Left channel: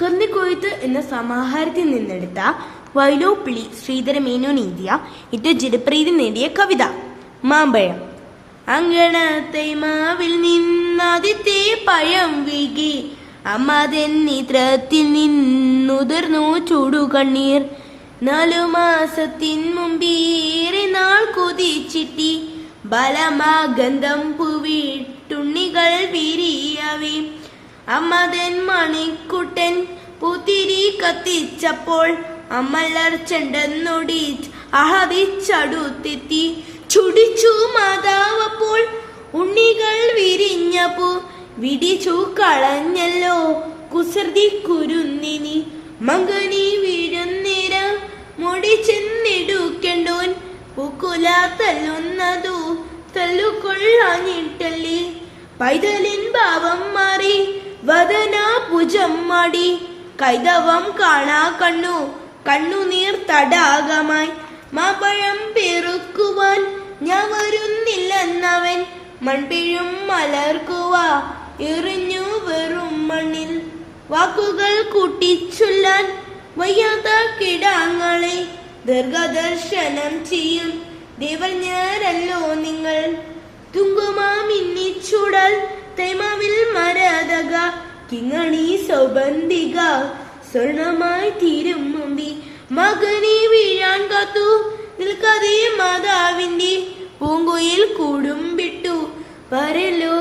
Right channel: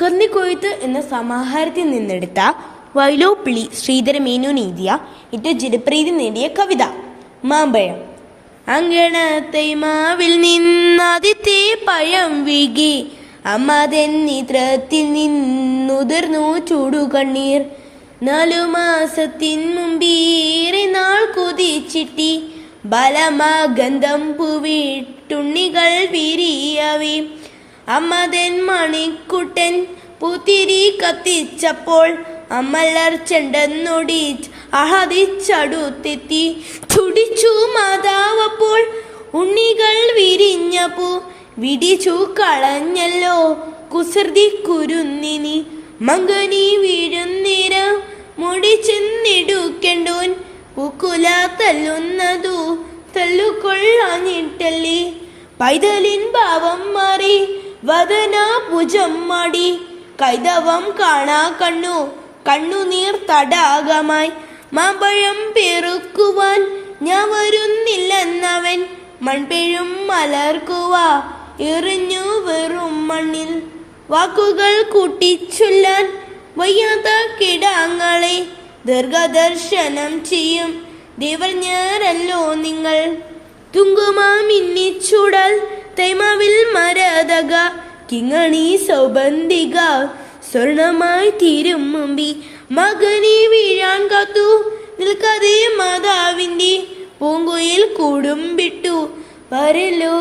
കർണിക്കൊയ്ത്ത് എന്ന സമാഹാരത്തിൽ നിന്നെടുത്ത വൈലോപ്പിള്ളി ശ്രീധരമേനോൻ എഴുതിയ ഏറ്റവും ജനപ്രീതി നേടിയ കവിത മാമ്പഴം. അങ്കണത്തൈമാവിൽ നിന്നാദ്യത്തെ പഴം വീകി അമ്മതൻ നേത്രത്തിൽ നിന്നുതിർന്നു ചൂടുകണ്ണീർ. 4 മാസത്തിൻ മുമ്പേറെ നാൾ കൊതിച്ചിട്ടി ബലമാഗന്ധം പൂവിട്ടുണ്ണികൾ വിരിയവേ. അമ്മതൻ മണിക്കുട്ടൻ പൂത്തിരി കത്തിച്ചപ്പോൾ അമ്മലർ ചെണ്ടെന്നൊടി ആഹതിച്ചടുത്തെത്തി. ചുടിച്ചു മാതാവപ്പോൾ ഉണ്ണികൾ വിരിഞ്ഞപ്പോ വിടിച്ചു കളഞ്ഞല്ലോ കുസൃതി കുരുന്നിനി. മകനി വീഴുന്നേരം മുടി ചെന്നെടുക്കണ്ടോൻ പൂക്കുല തല്ലുന്നതു തല്ലുകൊള്ളാഞ്ഞിട്ടല്ലേ. പൈതലിൻ ഭാവം മാറി വദന ഭുജം മാടി കൈതവം കാണാ കണ്ണുനീർ തടാകമായി. മാമ്പഴം പെറുക്കുവാൻ ഞാൻ വരുന്നില്ലെന്നവൻ മൺപെഴും മലർക്കുവ എറിഞ്ഞു വെറും മണ്ണിൽ. വാക്കുകൾ കൂട്ടിച്ചൊല്ലാൻ വയ്യാത്ത കിടാങ്ങളെ ദീർഘദർശനം ചെയ്യും ദേവർഞ്ഞരല്ലോ നിങ്ങൾ. തുങ്കുമാമിന്നിച്ചുടൽ തൈമാവിൽ മരതക കിങ്ങണി സൗബന്ധിക സ്വർണമായി തീരും മുമ്പി. മകനെ വീഴാൻ കാത്തു നിൽക്കാതെ മാതാവിന്റെ പൂങ്കുയിൽ കൂടും വിട്ടു വരലോ.